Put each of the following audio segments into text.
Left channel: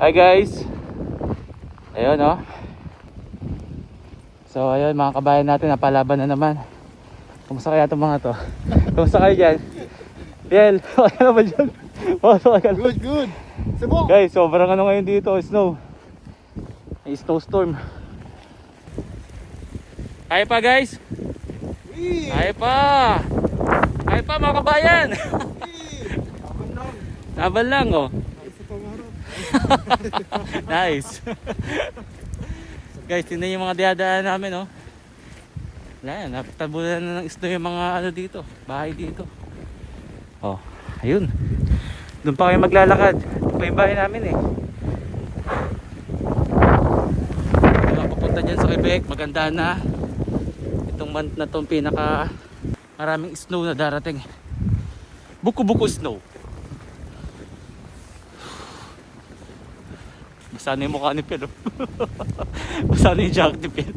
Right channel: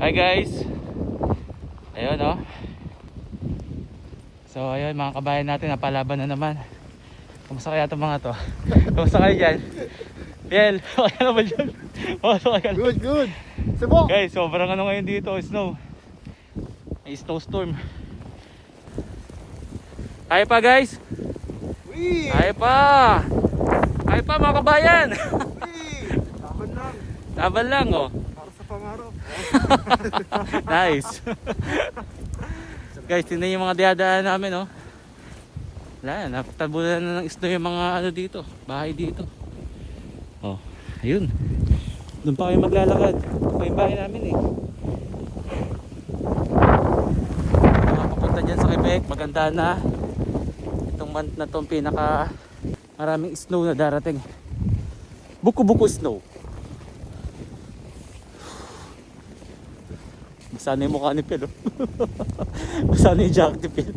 Hi guys. Ayun oh. So ayun mga kabayan natin, napalaban na naman. Kumusta kaya itong mga to? Kumusta kayo dyan? Biel, wala naman dyan. Good, good. Sabo. Guys, sobrang ano ngayon dito, snow. May snowstorm. Kaya pa guys? Wee! Kaya pa! Kaya pa mga kabayan! Wee! Laban lang. Laban lang oh. Para sa pangarap. Nice. Guys, tingnan yung mga diadaan namin oh. Wala yan, napatabunan na ng snow yung mga ano dito, bahay dito. Oh, ayun. Doon pa kayo maglalakad. Ito pa yung bahay namin eh. Mga pupunta dyan sa Quebec, maganda na. Itong month na itong pinaka maraming snow na darating. Buko-buko snow. Basa na yung mukha ni Pel oh. Basa na yung jacket ni Pel.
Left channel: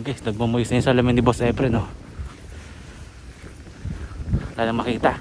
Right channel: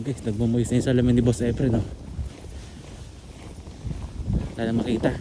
Guys, nagmamoyos na yung salamin ni Boss Efren oh. Wala na makita.